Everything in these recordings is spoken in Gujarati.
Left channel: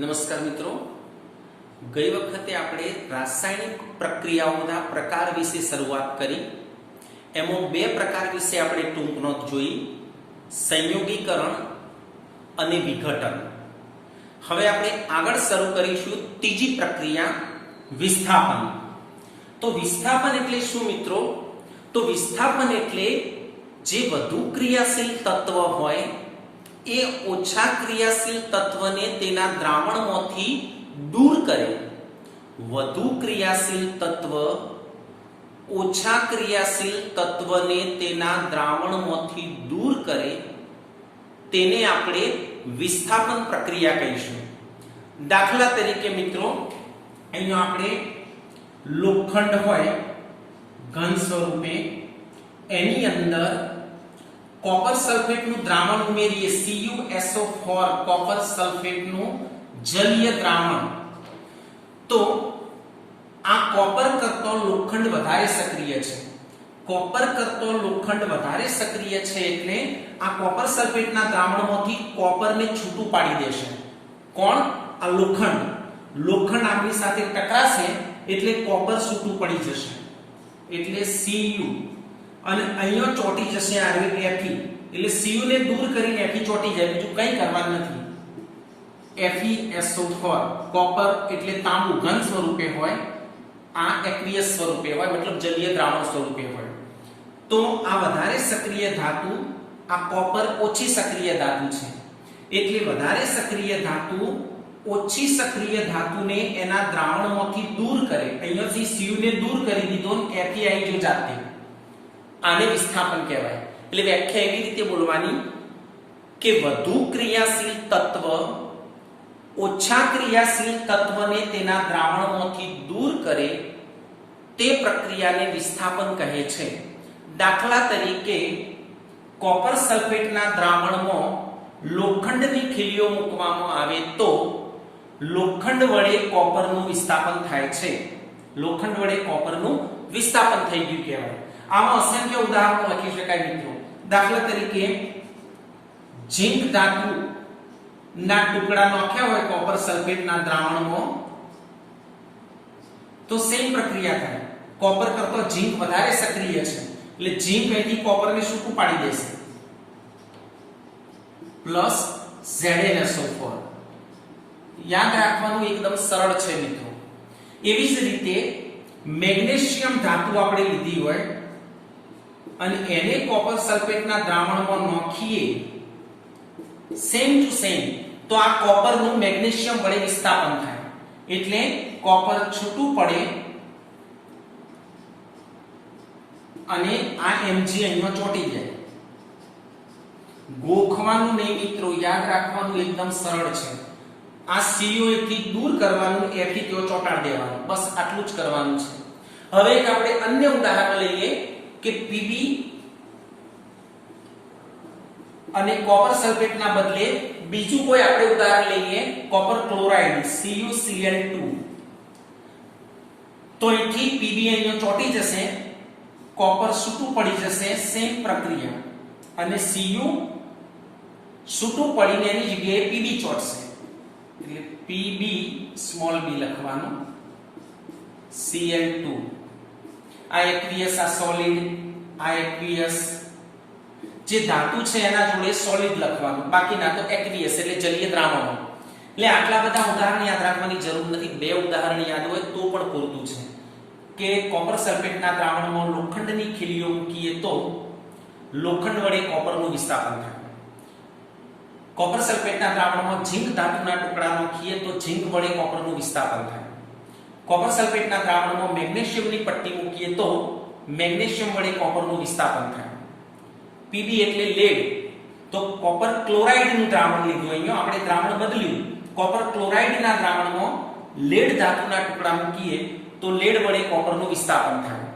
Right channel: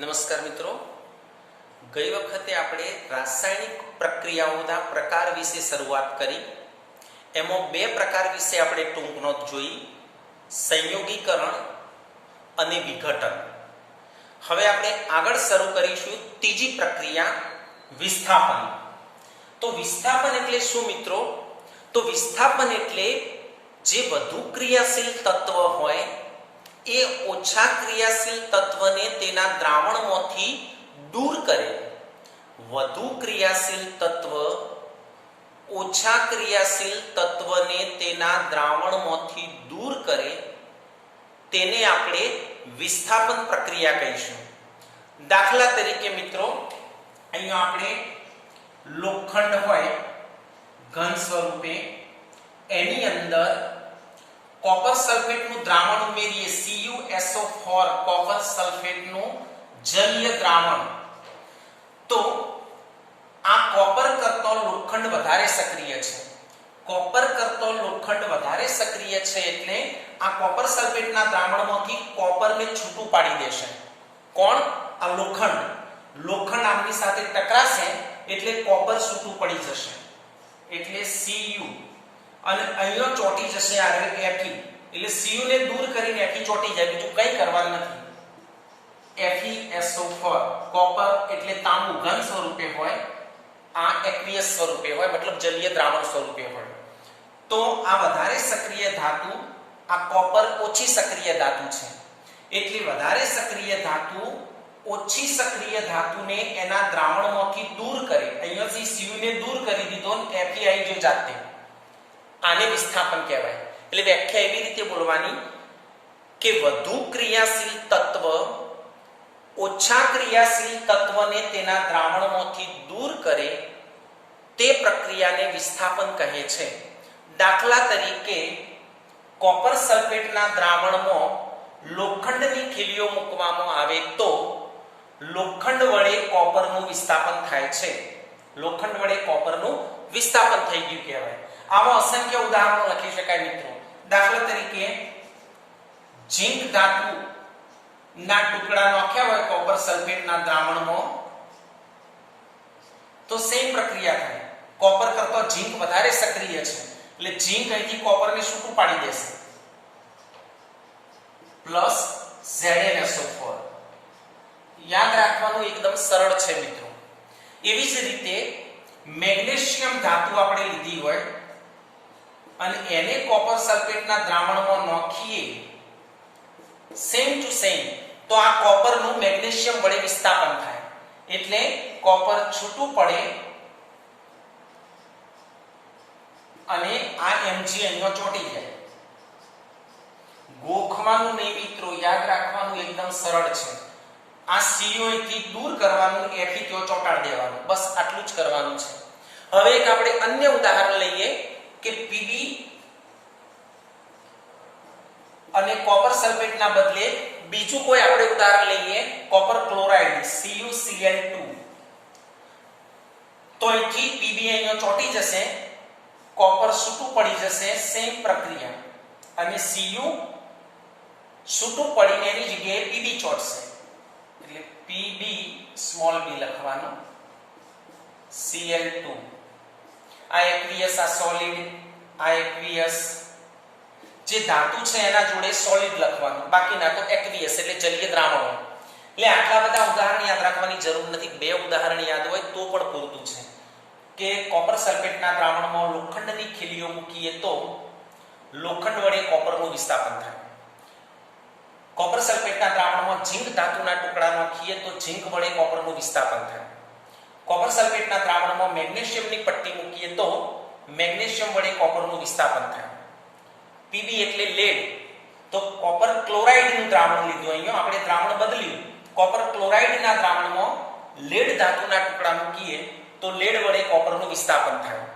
નમસ્કાર મિત્રો, ગઈ વખતે આપણે રાસાયણિક પ્રક્રિયાઓના પ્રકાર વિશે શરૂઆત કરી. એમાં બે પ્રકાર વિશે આપણે ટૂંક નોંધ જોઈ: સંયોગીકરણ અને વિઘટન. હવે આપણે આગળ શરૂ કરીશું ત્રીજી પ્રક્રિયા, વિસ્થાપન. તો વિસ્થાપન એટલે શું મિત્રો? તો વિસ્થાપન એટલે જે વધુ ક્રિયાશીલ તત્વ હોય એ ઓછા ક્રિયાશીલ તત્વને તેના દ્રાવણમાંથી દૂર કરે. વધુ ક્રિયાશીલ તત્વ ઓછા ક્રિયાશીલ તત્વને તેના દ્રાવણમાંથી દૂર કરે તેને આપણે વિસ્થાપન પ્રક્રિયા કહીશું. દાખલા તરીકે મિત્રો, અહીંયા આપણે લોખંડ હોય ઘન સ્વરૂપે, એની અંદર કોપર સલ્ફેટનું દ્રાવણ ઉમેરીએ, CuSO4 કોપર સલ્ફેટનું જલીય દ્રાવણ. તો આ કોપર કરતો લોખંડ વધારે સક્રિય છે. કોપર કરતો લોખંડ વધારે સક્રિય છે એટલે આ કોપર સલ્ફેટના દ્રાવણમાંથી કોપરને છૂટું પાડી દેશે. કોણ? આ લોખંડ. લોખંડ આમની સાથે ટકરાશે એટલે કોપર છૂટું પડી જશે, એટલે Cu. અને અહીંયા ચોટી જશે આ Fe, એટલે Cu ને દૂર કરીને Fe ચોટી જાય, બીજું કંઈ કરવાનું નથી. FeSO4 કોપર એટલે તાંબુ ઘન સ્વરૂપે હોય, આ એક્વિયસ સ્વરૂપે હોય, મતલબ જલીય દ્રાવણ સ્વરૂપે હોય. તો આ વધારે સક્રિય ધાતુ, આ કોપર ઓછી સક્રિય ધાતુ છે, એટલે વધારે સક્રિય ધાતુ ઓછી સક્રિય ધાતુને એના દ્રાવણમાંથી દૂર કરે. અહીંયાથી Cu ને દૂર કરી દીધો ને Fe આવી ગયો જાતે. આને વિસ્થાપન કહેવાય. એટલે વ્યાખ્યા એવી રીતે બોલવાની કે વધુ ક્રિયાશીલ તત્વ ઓછા ક્રિયાશીલ તત્વને તેના દ્રાવણમાંથી દૂર કરે તે પ્રક્રિયાને વિસ્થાપન કહે છે. દાખલા તરીકે કોપર સલ્ફેટના દ્રાવણમાં લોખંડની ખીલીઓ મૂકવામાં આવે તો લોખંડ વડે કોપરનું વિસ્થાપન થાય છે. લોખંડ વડે કોપરનું વિસ્થાપન થઈ ગયું કહેવાય. આવા અસંખ્ય ઉદાહરણો લખી શકાય મિત્રો. દાખલા તરીકે ઝીંક ધાતુ ના ટુકડા નાખ્યા હોય કોપર સલ્ફેટના દ્રાવણમાં તો સેમ પ્રક્રિયા થાય. કોપર કરતો ઝીંક વધારે સક્રિય છે એટલે ઝીંક અહીંથી કોપરને છૂટું પાડી દેશે, પ્લસ ZnSO4. યાદ રાખવાનું એકદમ સરળ છે મિત્રો. એવી જ રીતે મેગ્નેશિયમ ધાતુ આપણે લીધી હોય અને એને કોપર સલ્ફેટના દ્રાવણમાં નાખીએ સેમ ટુ સેમ, તો આ કોપરનું મેગ્નેશિયમ વડે વિસ્થાપન થાય એટલે કોપર છૂટું પડે અને આ Mg અહીંયા ચોટી જાય. ગોખવાનું નહીં મિત્રો, યાદ રાખવાનું એકદમ સરળ છે. આ CO થી દૂર કરવાનું, Fe ત્યાં ચોંટાડી દેવાનું, બસ આટલું જ કરવાનું છે. હવે એક આપણે અન્ય ઉદાહરણ લઈએ કે Pb અને કોપર સલ્ફેટના બદલે બીજું કોઈ આપણે ઉદાહરણ લઈએ, કોપર ક્લોરાઇડ CuCl2. તો અહીંથી Pb અહીંયા ચોટી જશે, કોપર છૂટું પડી જશે, સેમ પ્રક્રિયા, અને Cu છૂટું પડીને એની જગ્યાએ Pb ચોટશે એટલે Pb સ્મોલ b લખવાનું, Cl2. આ એક્વિયસ, આ સોલિડ, આ એક્વિયસ. જે ધાતુ છે એના જોડે સોલિડ લખવાનું, બાકીના તો એક્વિયસ એટલે જલીય દ્રાવણો. એટલે આટલા બધા ઉદાહરણ યાદ રાખવાની જરૂર નથી. બે ઉદાહરણ યાદ હોય તો પણ પૂરતું છે કે કોપર સલ્ફેટના દ્રાવણમાં લોખંડની ખીલીઓ મૂકીએ તો લોખંડ વડે કોપરનું વિસ્થાપન થાય. કોપર સલ્ફેટના દ્રાવણમાં ઝીંક ધાતુના ટુકડા નાખીએ તો ઝીંક વડે કોપરનું વિસ્થાપન થાય. કોપર સલ્ફેટના દ્રાવણમાં મેગ્નેશિયમની પટ્ટી મૂકીએ તો મેગ્નેશિયમ વડે કોપરનું વિસ્થાપન થાય. Pb એટલે લેડ, તો કોપર ક્લોરાઇડનું દ્રાવણ લીધું, અહીંયા આપણે દ્રાવણ બદલ્યું. કોપર ક્લોરાઇડના દ્રાવણમાં લેડ ધાતુના ટુકડા મૂકીએ તો લેડ વડે કોપરનું વિસ્થાપન થાય.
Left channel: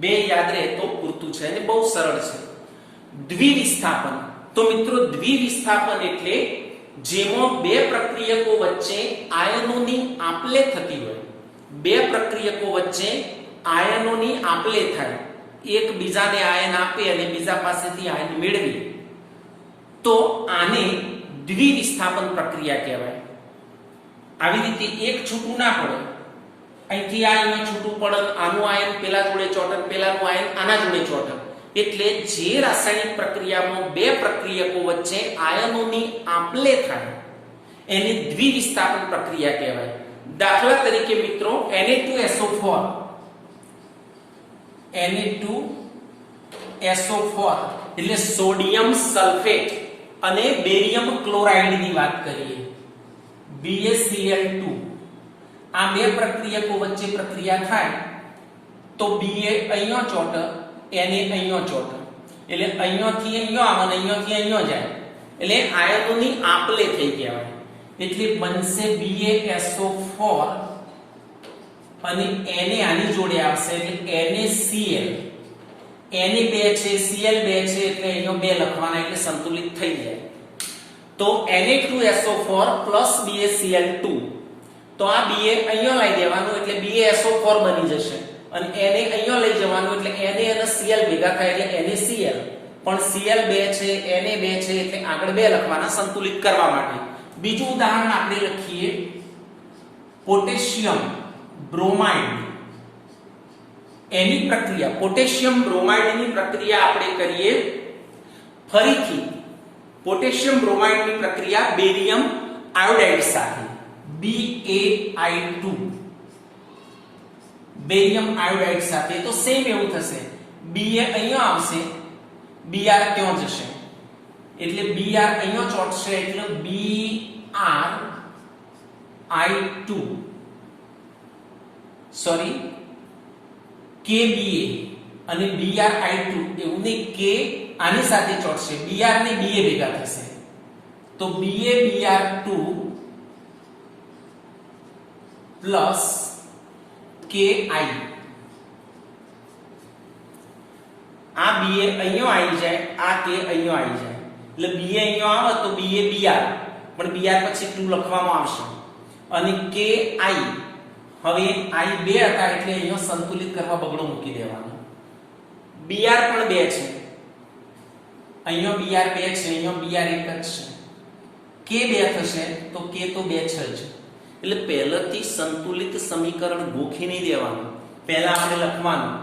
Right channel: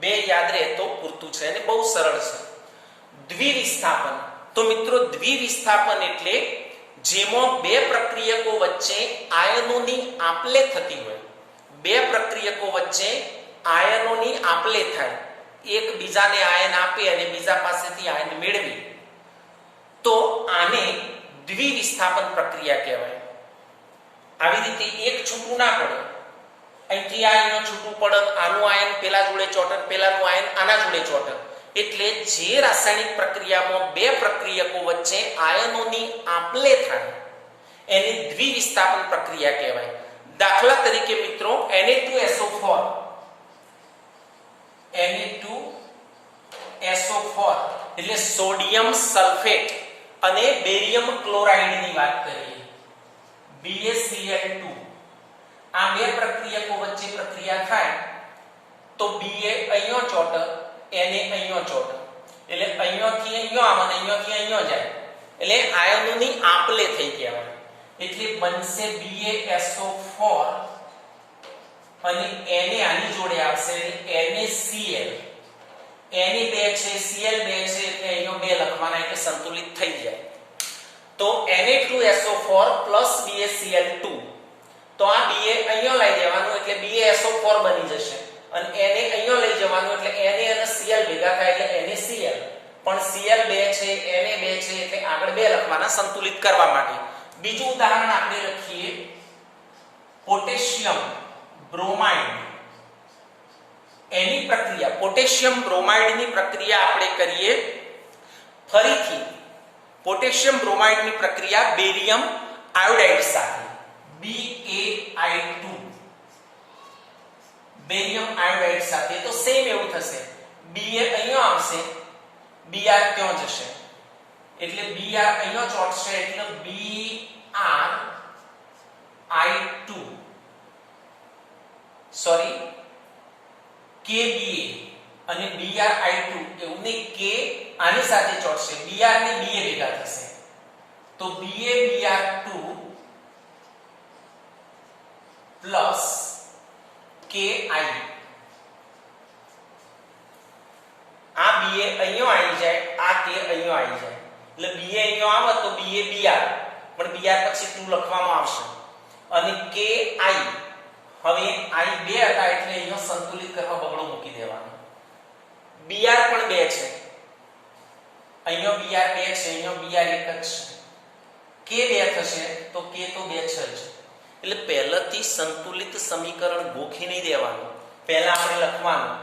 બે યાદ રહે તો પૂરતું છે અને બહુ સરળ છે. દ્વિવિસ્થાપન. તો મિત્રો દ્વિવિસ્થાપન એટલે જેમાં બે પ્રક્રિયકો વચ્ચે આયનોની આપલે થતી હોય. બે પ્રક્રિયકો વચ્ચે આયનોની આપલે થાય, એક બીજાને આયન આપે અને બીજા પાસેથી આયન મેળવી, તો આને દ્વિવિસ્થાપન પ્રક્રિયા કહેવાય. આવી રીતે એક છૂટું ના પડે, અહીંથી આ અહીંયા છૂટું પડે, આનું આયન પેલા જોડે ચોટે, પેલાનું આયન આના જોડે ચોટે. એટલે જે રાસાયણિક પ્રક્રિયામાં બે પ્રક્રિયકો વચ્ચે આયનોની આપ-લે થાય એને દ્વિવિસ્થાપન પ્રક્રિયા કહેવાય. દાખલા તરીકે મિત્રો Na2SO4 એટલે સોડિયમ સલ્ફેટ અને બેરિયમ ક્લોરાઇડ ની વાત કરીએ, BaCl2. આ બે પ્રક્રિયકો વચ્ચે પ્રક્રિયા થાય તો Ba અહીંયા ચોટે, Na અહીંયા ચોટે, એટલે અહીંયાથી અહીંયા આવે અને અહીંયાથી અહીંયા જાય, એટલે આયનોની આપ-લે થઈ કહેવાય. એટલે બનશે BaSO4 અને Na આની જોડે આવશે એટલે NaCl. Na 2 છે, Cl 2 છે, એટલે અહીંયા 2 લખવાના એટલે સંતુલિત થઈ જાય. તો Na2SO4 BaCl2. તો આ Ba અહીંયા લઈ જવાનું એટલે BaSO4 બની જશે અને Na અહીંયા લઈ જવાનું એટલે Na અને Cl ભેગા થાય એટલે NaCl. પણ Cl 2 છે, Na 2 છે, એટલે આગળ 2 લખવાના સંતુલિત કરવા માટે. બીજું ઉદાહરણ આપણે લખીએ, પોટેશિયમ બ્રોમાઇડ. એની પ્રક્રિયા, પોટેશિયમ બ્રોમાઇડની પ્રક્રિયા આપણે કરીએ. ફરીથી પોટેશિયમ બ્રોમાઇડની પ્રક્રિયા બેરિયમ આયોડાઇડ સાથે, BaI2, બેરિયમ આયોડાઇડ સાથે. તો સેમ એવું થશે, Ba અહીંયા આવશે, Br ક્યાં જશે, એટલે Br અહીંયા ચોટશે એટલે BrI2 સોરી Kba અને BrI2 એવું નહીં, K આની સાથે ચોટશે, Br ને Ba ભેગા થશે તો BaBr2 પ્લસ Ki. આ Ba અહીંયા આવી જાય, આ K અહીંયા આવી જાય, એટલે Ba અહીંયા આવે તો BaBr, પણ Br પછી 2 લખવામાં આવશે અને Ki. હવે I 2 હતા એટલે અહીંયા સંતુલિત કરવા બગડો મૂકી દેવાનો. Br પણ 2 છે, અહીંયા Br 2 છે, અહીંયા Br 1 જ છે, K 2 થશે તો K તો 2 છે જ. એટલે પહેલાથી સંતુલિત સમીકરણ ગોખી નહીં દેવાનું. પહેલા આપણે લખવાનું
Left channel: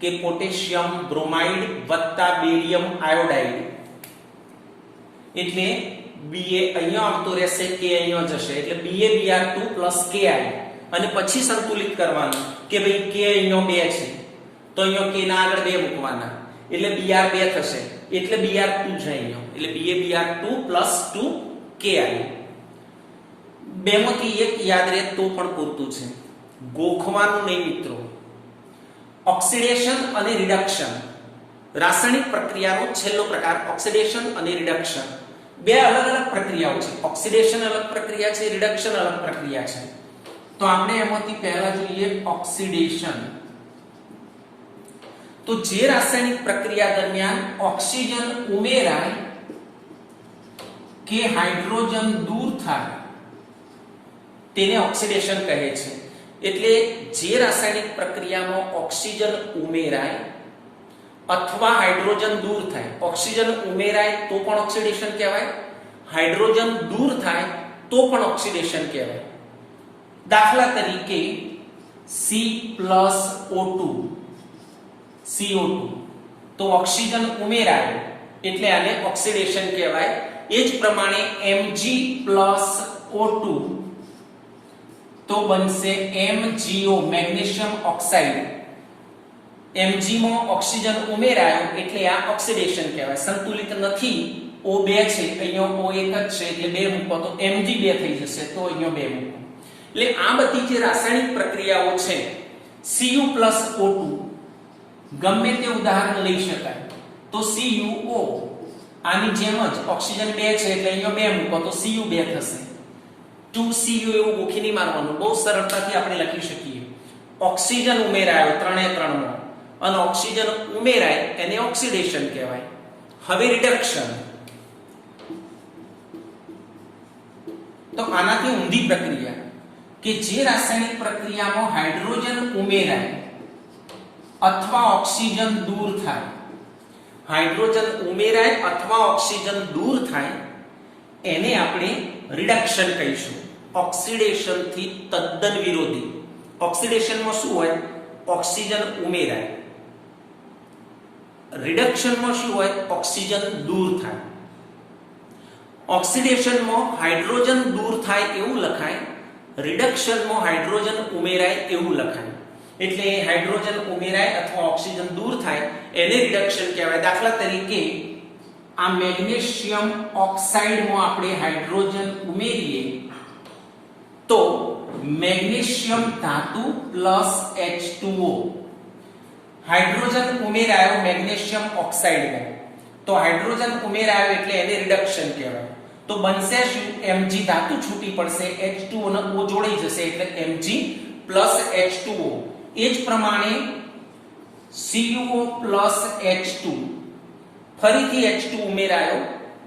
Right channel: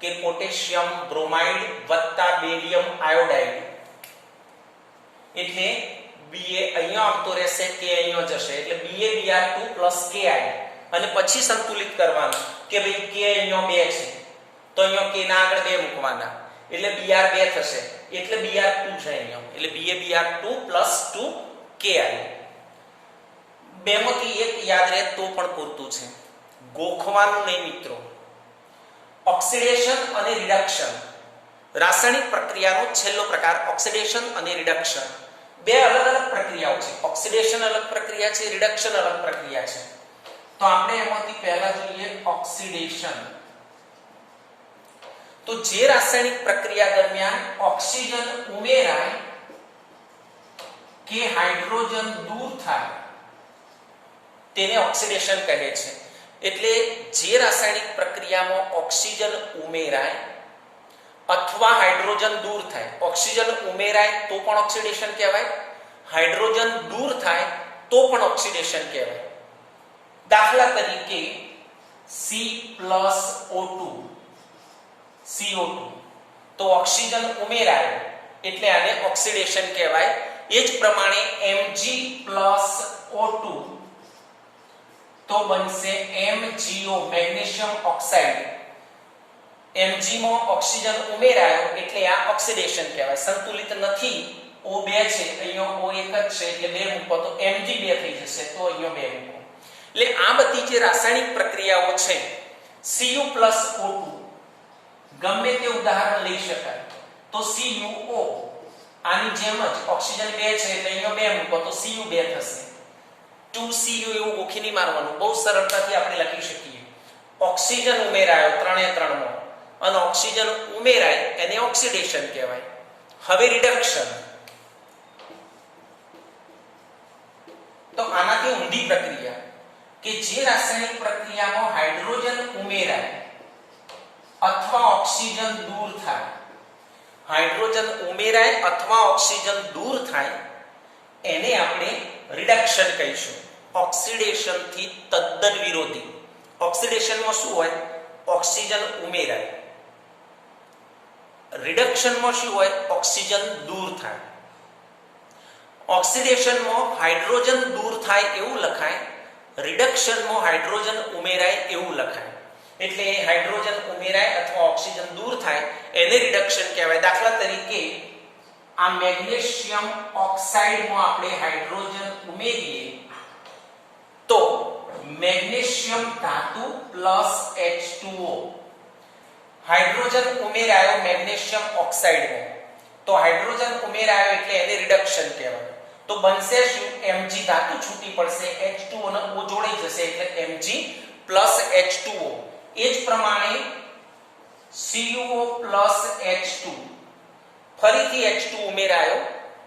કે પોટેશિયમ બ્રોમાઇડ વત્તા બેરિયમ આયોડાઇડ, એટલે Ba અહીંયા આવતો રહેશે, K અહીંયા જશે, એટલે BaBr2 Ki. અને પછી સંતુલિત કરવાનું કે ભાઈ K અહીંયા 2 છે તો અહીંયા K ના આગળ 2 મૂકવાના એટલે Br 2 થશે, એટલે Br2 છે અહીંયા, એટલે BaBr2 2 Ki. બેમાંથી એક યાદ રહે તો પણ પૂરતું છે, ગોખવાનું નહીં મિત્રો. ઓક્સિડેશન અને રિડક્શન, રાસાયણિક પ્રક્રિયાનો છેલ્લો પ્રકાર ઓક્સિડેશન અને રિડક્શન. બે અલગ અલગ પ્રક્રિયાઓ છે, ઓક્સિડેશન અલગ પ્રક્રિયા છે, રિડક્શન અલગ પ્રક્રિયા છે. તો આપણે એમાંથી પહેલા જોઈએ ઓક્સિડેશન. તો જે રાસાયણિક પ્રક્રિયા દરમિયાન ઓક્સિજન ઉમેરાય કે હાઇડ્રોજન દૂર થાય તેને ઓક્સિડેશન કહે છે. એટલે જે રાસાયણિક પ્રક્રિયામાં ઓક્સિજન ઉમેરાય અથવા હાઇડ્રોજન દૂર થાય, ઓક્સિજન ઉમેરાય તો પણ ઓક્સિડેશન કહેવાય, હાઇડ્રોજન દૂર થાય તો પણ ઓક્સિડેશન કહેવાય. દાખલા તરીકે C+O2 CO2, તો ઓક્સિજન ઉમેરાય એટલે આને ઓક્સિડેશન કહેવાય. એ જ પ્રમાણે Mg+O2 તો બનશે MgO મેગ્નેશિયમ ઓક્સાઇડ. Mg માં ઓક્સિજન ઉમેરાયો એટલે આ ઓક્સિડેશન કહેવાય. સંતુલિત નથી, O2 છે, અહીંયા O1 જ છે એટલે 2 મૂકો તો Mg2 થઈ જશે, તો અહીંયા 2 મૂકો. એટલે આ બધી જે રાસાયણિક પ્રક્રિયાઓ છે, Cu+O2 ગમે તે ઉદાહરણ લઈ શકાય. તો CuO આની જેમ જ ઓક્સિજન 2 છે એટલે અહીંયા 2 મૂકો તો Cu2 થશે. 2Cu એવું ગોખી નહીં મારવાનું, બહુ સરળતાથી આપણે લખી શકીએ. ઓક્સિજન ઉમેરાયો 3 માં અને ઓક્સિજન ઉમેરાય એને ઓક્સિડેશન કહેવાય. હવે રિડક્શન, તો આનાથી ઊંધી પ્રક્રિયા કે જે રાસાયણિક પ્રક્રિયામાં હાઇડ્રોજન ઉમેરાય અથવા ઓક્સિજન દૂર થાય, હાઇડ્રોજન ઉમેરાય અથવા ઓક્સિજન દૂર થાય એને આપણે રિડક્શન કહીશું. ઓક્સિડેશનથી તદ્દન વિરોધી. ઓક્સિડેશનમાં શું હોય? ઓક્સિજન ઉમેરાય. રિડક્શનમાં શું હોય? ઓક્સિજન દૂર થાય. ઓક્સિડેશનમાં હાઇડ્રોજન દૂર થાય એવું લખાય, રિડક્શનમાં હાઇડ્રોજન ઉમેરાય એવું લખાય. એટલે હાઇડ્રોજન ઉમેરાય અથવા ઓક્સિજન દૂર થાય એને રિડક્શન કહેવાય. દાખલા તરીકે આ મેગ્નેશિયમ ઓક્સાઇડમાં આપણે હાઇડ્રોજન ઉમેરીએ તો મેગ્નેશિયમ ધાતુ પ્લસ H2O. હાઇડ્રોજન ઉમેરાયો મેગ્નેશિયમ ઓક્સાઇડમાં, તો હાઇડ્રોજન ઉમેરાયો એટલે એને રિડક્શન કહેવાય. તો બનશે શું? Mg ધાતુ છૂટી પડશે, H2O ને O જોડાઈ જશે એટલે Mg પ્લસ H2O. એ જ પ્રમાણે CuO પ્લસ H2, ફરીથી H2 ઉમેરાયો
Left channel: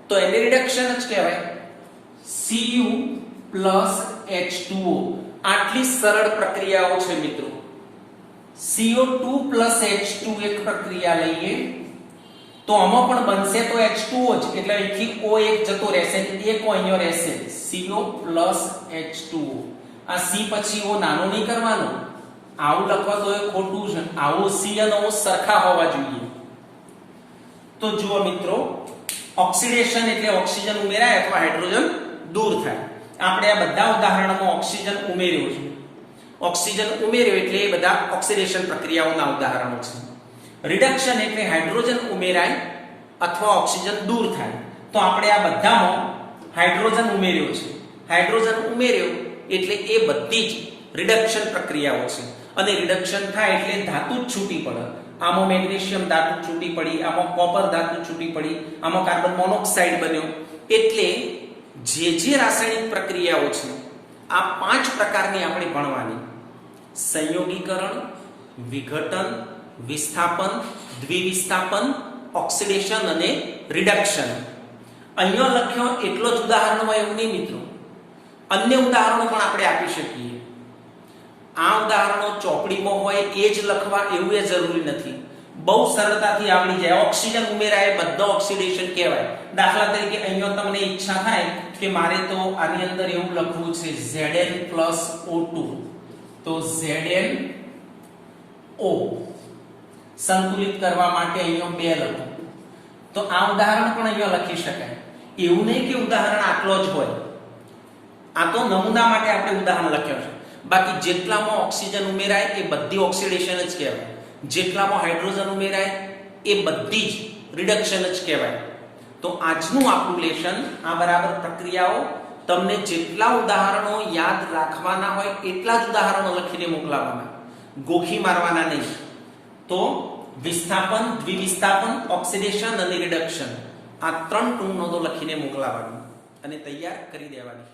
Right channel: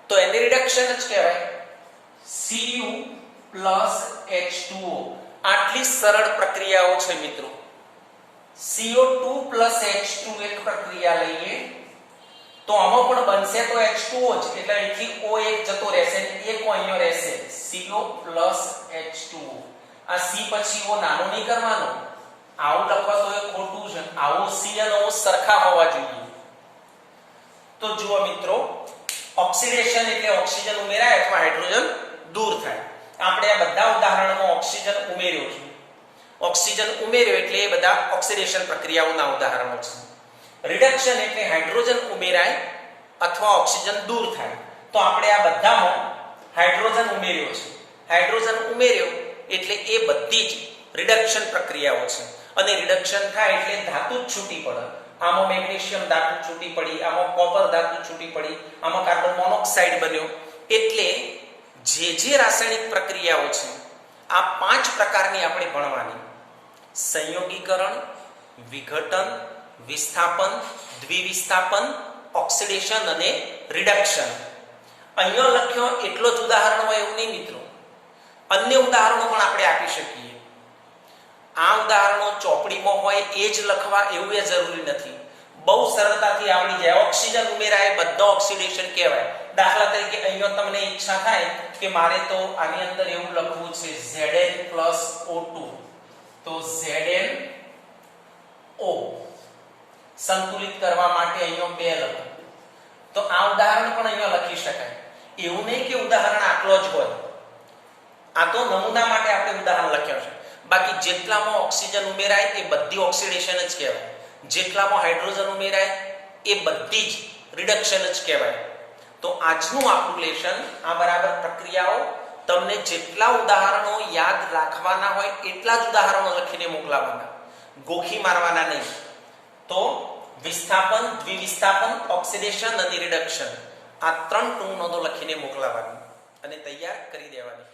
તો એને રિડક્શન જ કહેવાય, Cu પ્લસ H2O. આટલી સરળ પ્રક્રિયાઓ છે મિત્રો. CO2 પ્લસ H2 એક પ્રક્રિયા લઈએ તો આમાં પણ બનશે તો H2O જ, એટલે અહીંથી O1 જતો રહેશે ને એક અહીંયા રહેશે, CO પ્લસ H2O. આ C પછી O નાનો નહીં કરવાનો, આવું લખવા તો એ ખોટું છે. આવો C અને O સરખા હોવા જોઈએ. તો જુઓ મિત્રો, ઓક્સિડેશન એટલે ઓક્સિજન ઉમેરાય અથવા હાઇડ્રોજન દૂર થાય. આપણે આ બધા ઉદાહરણોમાં ઓક્સિજન ઉમેર્યો છે. ઓક્સિજન ઉમેર્યો એટલે એ બધા ઓક્સિડેશન પ્રક્રિયાઓના ઉદાહરણો છે. રિડક્શન એટલે હાઇડ્રોજન ઉમેરાય અથવા ઓક્સિજન દૂર થાય. તો આપણે આ બધામાં હાઇડ્રોજન ઉમેર્યો છે. હાઇડ્રોજન ઉમેર્યો એટલે એ બધી જ રિડક્શન પ્રક્રિયાઓ છે. અને રિડક્શન થાય એટલે ધાતુ જ છૂટી પડે. આમાં મેગ્નેશિયમ ધાતુ છૂટી પડી, આમાં કોપર ધાતુ છૂટી પડી, આમાં કાર્બન મોનોક્સાઇડ બન્યો. એટલે જે રાસાયણિક પ્રક્રિયાઓ છે આ 5 પ્રકારની આપણે ભણવાની: સંયોગીકરણ, વિઘટન, વિસ્થાપન, દ્વિવિસ્થાપન, ઓક્સિડેશન અને રિડક્શન. અહીંયા લખ્યો એટલો જ ઉદાહરણમાં એવું નહીં મિત્રો, અન્ય ઉદાહરણો પણ આપણે આપી શકીએ. આ ઉદાહરણો ચોપડીમાં હોય એ જ લખવા એવું એ જરૂરી નથી. બહુ સરળતાથી આવડી જાય. ઓક્સિજન ઉમેરાય બધા ઓક્સિડેશન કહેવાય. દાખલા તરીકે અહીંયા તમને ઈચ્છા થાય કે મારે તો આની અંદર એવું લખવું છે Zn+O2, તો ZnO સંતુલિત કરવા માટે અહીંયા 2 લખો. તો આ ઉદાહરણ પણ અહીંયા લખી શકાય. એવું નહીં કે ઉદાહરણ આટલો જ હોય. આ તો નમૂના માટે આપણે ઉદાહરણ લખ્યો છે. બાકી જેટલામાં ઓક્સિજન ઉમેરાય એ બધી ઓક્સિડેશન જ કહેવાય. જેટલામાં હાઇડ્રોજન ઉમેરાય એ બધી જ રિડક્શન જ કહેવાય. તો આજનું આપણું લેશન આ બરાબર પ્રક્રિયાઓ. તમને જેટલા ઉદાહરણો યાદ રાખવાના હોય એટલા જ ઉદાહરણો લખીને મોકલાવાના, ગોખી મારવાના નહીં. તો વિસ્થાપન, દ્વિવિસ્થાપન, ઓક્સિડેશન અને રિડક્શન આ 3 ટૂંક નોંધો લખીને મોકલાવાની અને તૈયાર કરી દેવાની.